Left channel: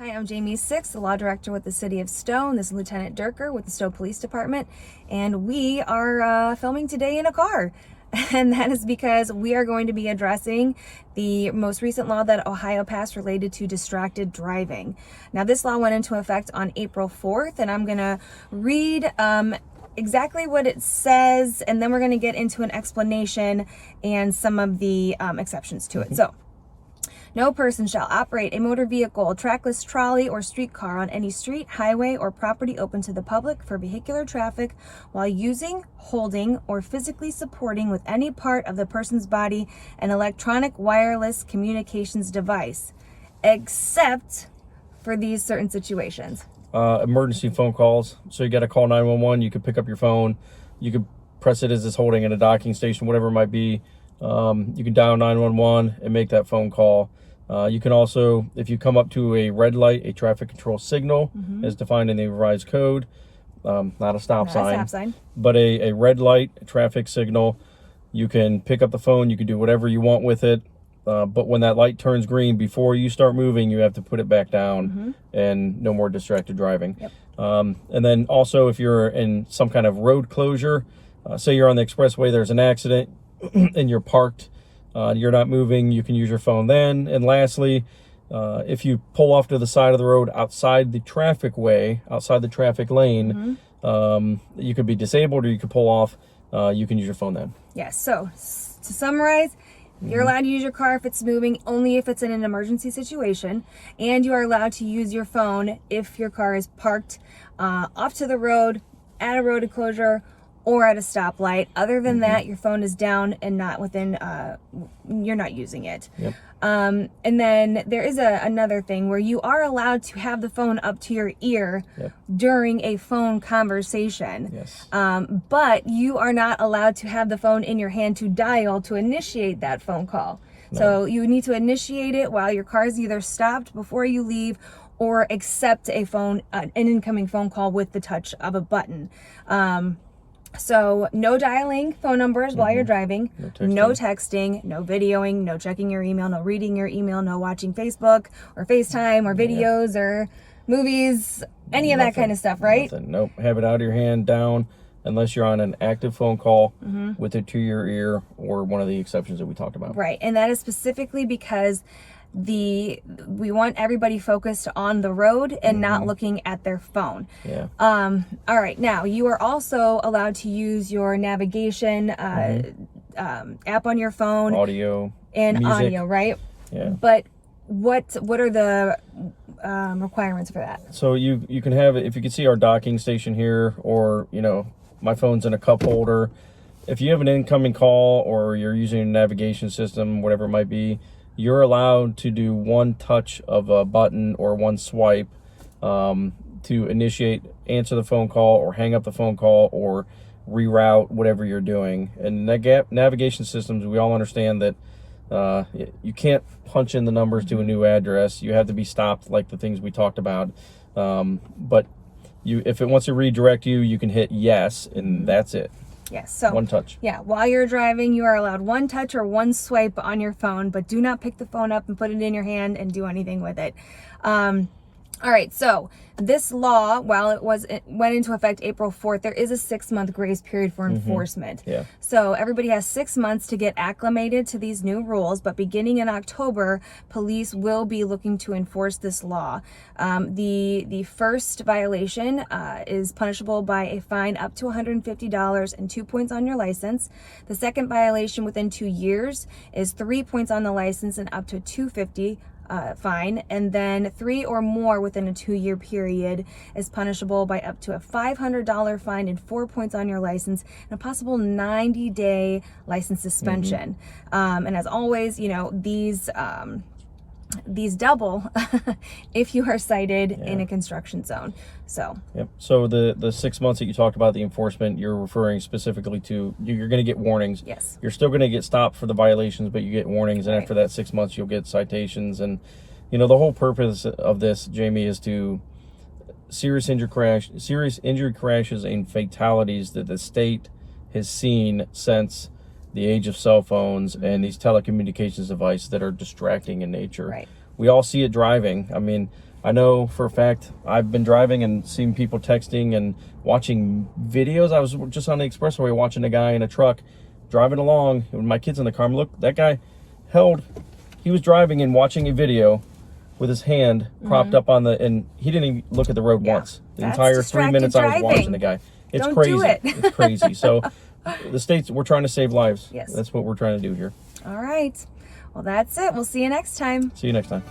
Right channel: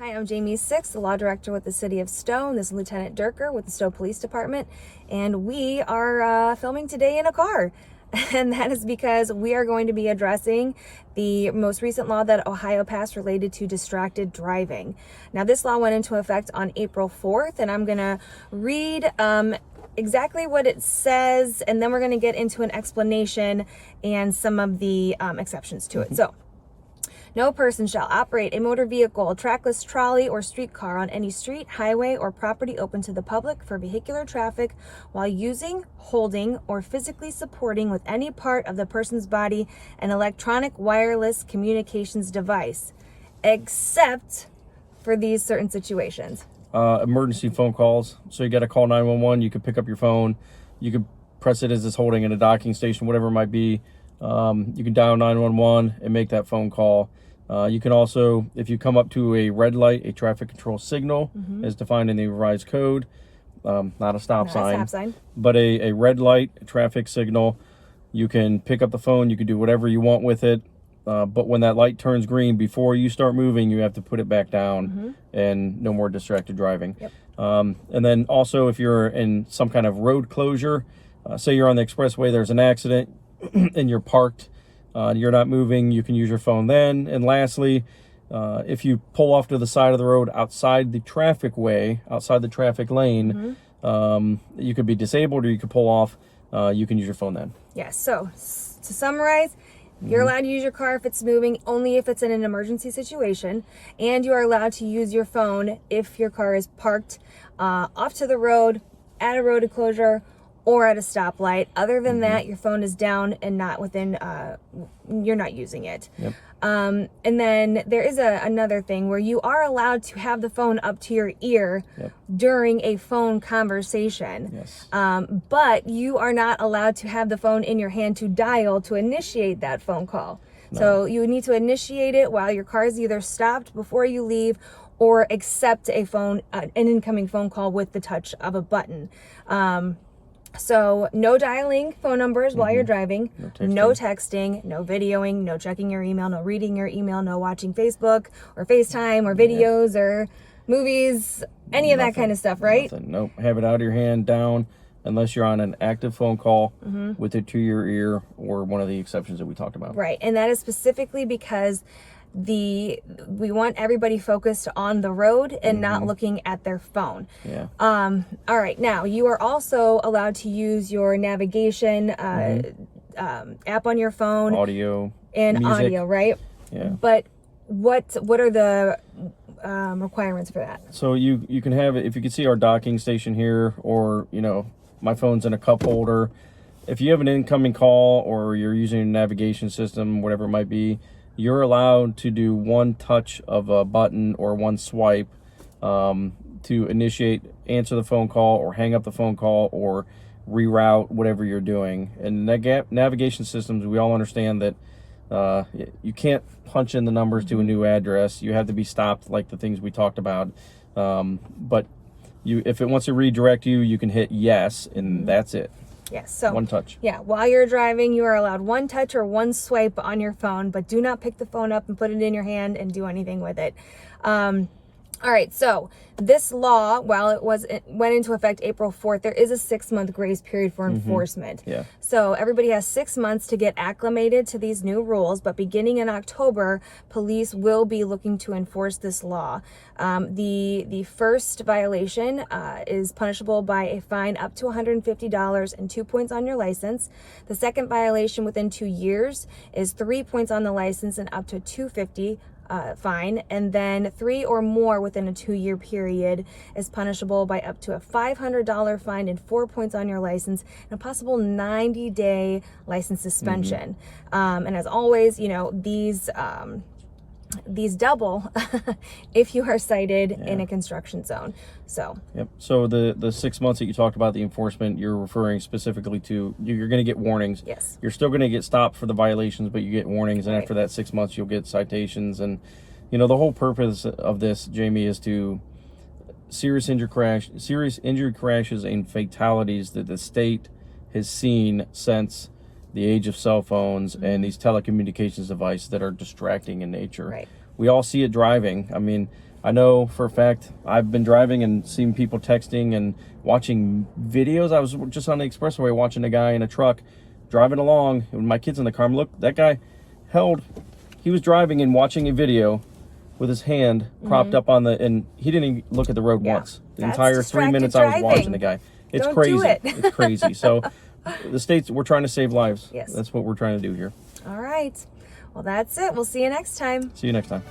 Hi, I'm Jamie Six, the Law Director with the City of Stowe, and this is Lieutenant Durker with the Stowe Police Department, and we are filming today in a car. And that is because we are going to be addressing the most recent law that Ohio passed related to distracted driving. Now, this law went into effect on April 4th, and I'm going to read exactly what it says, and then we're going to get into an explanation and some of the exceptions to it. So, no person shall operate a motor vehicle, trackless trolley, or streetcar on any street, highway, or property open to the public for vehicular traffic while using, holding, or physically supporting with any part of the person's body an electronic wireless communications device, except for these certain situations. Emergency phone calls. So you got to call 911. You could pick up your phone. You could press it as it's holding in a docking station, whatever it might be. You can dial 911 and make that phone call. You can also, if you come up to a red light, a traffic control signal as defined in the revised code, not a stop sign, but a red light, a traffic signal, you can pick up the phone, you can do whatever you want with it. But when that light turns green, before you start moving, you have to put it back down and no more distracted driving. Yep. And then also if you're in some kind of road closure, say you're on the expressway, there's an accident and you're parked, you're not moving, you can use your phone then. And lastly, if you pull off to the side of the road outside the traffic way, outside the traffic lane, you could be disabled or you could pull off, you can use your phone then. Yes, so to summarize, you're allowed to use your car if it's moving, only if it's in an emergency situation, and you are allowed to use your phone if your car is parked off to the road, at a road closure, or at a stoplight. Other than that, your phone is down and not within, you're not using it. Yep. And then there is another thing where you are allowed to have the phone up to your ear during a phone conversation. Yes. But you are not allowed to have the phone in your hand to dial to initiate that phone call. No. So you need to initiate it while your car is either stopped before you leave or accept an incoming phone call with the touch of a button. So no dialing phone numbers while you're driving, no texting, no videoing, no checking your email, no reading your email, no watching Facebook or FaceTime or videos or movies, any of that kind of stuff, right? Nothing. Nope. Have it out of your hand, down, unless you're on an active phone call with it to your ear or one of the exceptions that we talked about. Right. And that is specifically because we want everybody focused on the road and not looking at their phone. Yeah. All right. Now, you are also allowed to use your navigation app on your phone. Audio. And music. audio, right? Yeah. But what are the requirements for that? So you can have it, if you can see our docking station here, or, you know, my phone's in a cup holder. If you have an incoming call or you're using a navigation system, whatever it might be, you're allowed to do one touch of a button or one swipe to initiate, answer the phone call or hang up the phone call or reroute whatever you're doing. And navigation systems, we all understand that you can't punch in the numbers to a new address. You have to be stopped, like the things we talked about. But if it wants to redirect you, you can hit yes, and that's it. Yes, so one touch. Yeah, while you're driving, you are allowed one touch or one swipe on your phone, but do not pick the phone up and put it in your hand and do anything with it. All right, so this law, while it went into effect April 4th, there is a 6-month grace period for enforcement. Yeah. So everybody has 6 months to get acclimated to these new rules, but beginning in October, police will be looking to enforce this law. The first violation is punishable by a fine up to $150 and 2 points on your license. The second violation within 2 years is 3 points on the license and up to $250 fine, and then 3 or more within a 2-year period is punishable by up to a $500 fine and 4 points on your license and a possible 90-day license suspension. And as always, you know, these double if you are cited in a construction zone. So yep. So the 6 months that you talked about, the enforcement, you're referring specifically to, you're going to get warnings. Yes. You're still going to get stopped for the violations, but you get warnings, and after that 6 months you'll get citations. And you know, the whole purpose of this, Jamie, is to serious injury crashes and fatalities that the state has seen since the age of cell phones and these telecommunications devices that are distracting in nature. Right. We all see it driving. I mean, I know for a fact I've been driving and seen people texting and watching videos. I was just on the expressway watching a guy in a truck driving along with my kids in the car. I'm look, that guy he was driving and watching a video with his hand propped up on and he didn't even look at the road once. The That's entire 3 minutes I was distracted watching the guy. It's Don't crazy. do it. It's crazy. So the states, we're trying to save lives. Yes. That's what we're trying to do here. All right. Well, that's it. We'll see you next time. See you next time.